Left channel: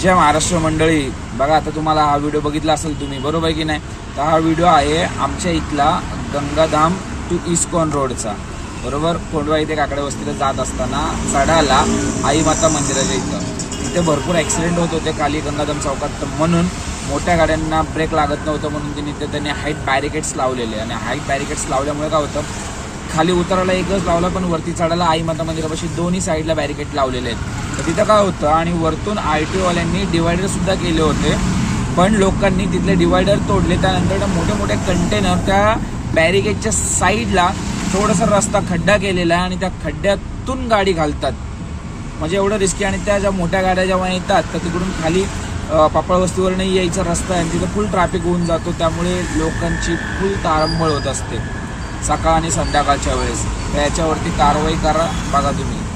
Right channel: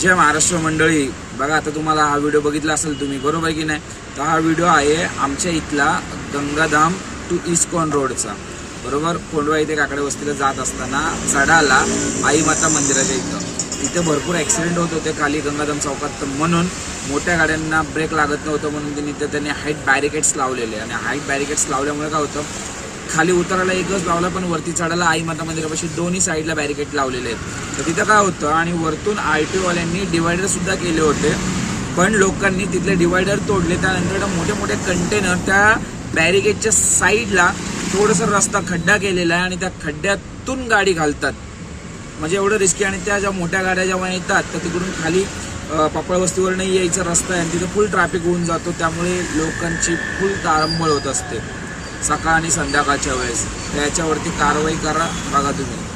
जय महाराष्ट्र मंडळी. बघा आता तुम्हाला हा व्हिडिओ बघितला असेल तुम्ही, बरोबर की नाही. तर हा व्हिडिओ आहे आमच्या इथला गंगाधाम टू इस्कॉन रोडचा, बरोबर. कोंडवा इथे काकडे वस्तीला जात असताना चढाला आई माता मंदिराच्या इथं भरपूर ऍक्सिडेंट होत होते खाली गंगाधाम चौकात. म्हणून मोठ्या गाड्यांना ब्रेक लागत नव्हतं, म्हणून त्यांनी हाईट बॅरिकेड्स लावलेले. आणि हाईट बॅरिकेड्स लावल्यामुळे काय होतं, खाली उतरायला एकच लावला पण वरती चढायला आई माता मंदिरापाशी दोन्ही साईडला बॅरिकेड लावलेले आहेत. तर तिथं काय होतं, आणि वरतून RTO वाल्यांनी डिवायडर सुद्धा केले होते, पण लोकांनी तिथले डिवायडर तोडले. त्यानंतर मोठे मोठे कंटेनर त्या बॅरिकेडच्या साईडला थोडासा रस्ता खड्डा केलेला आहे, आणि त्या खड्ड्यातून गाडी घालतात. म्हणजे एवढं रिस्की. आणि त्या ज्या मोठ्या गाड्या जेव्हा येतात तर तिकडून खाली पापळ वस्तीवर नाही यायचा रस्ता आहे, आणि तिथे फुल ट्रॅफिक होऊन जातो. त्यामुळे लोकांची फुल तारंबळ होत असते सकाळ आणि संध्याकाळच्या वेळेस. तर याच्यावरती कारवाई करा. बघा तुम्ही.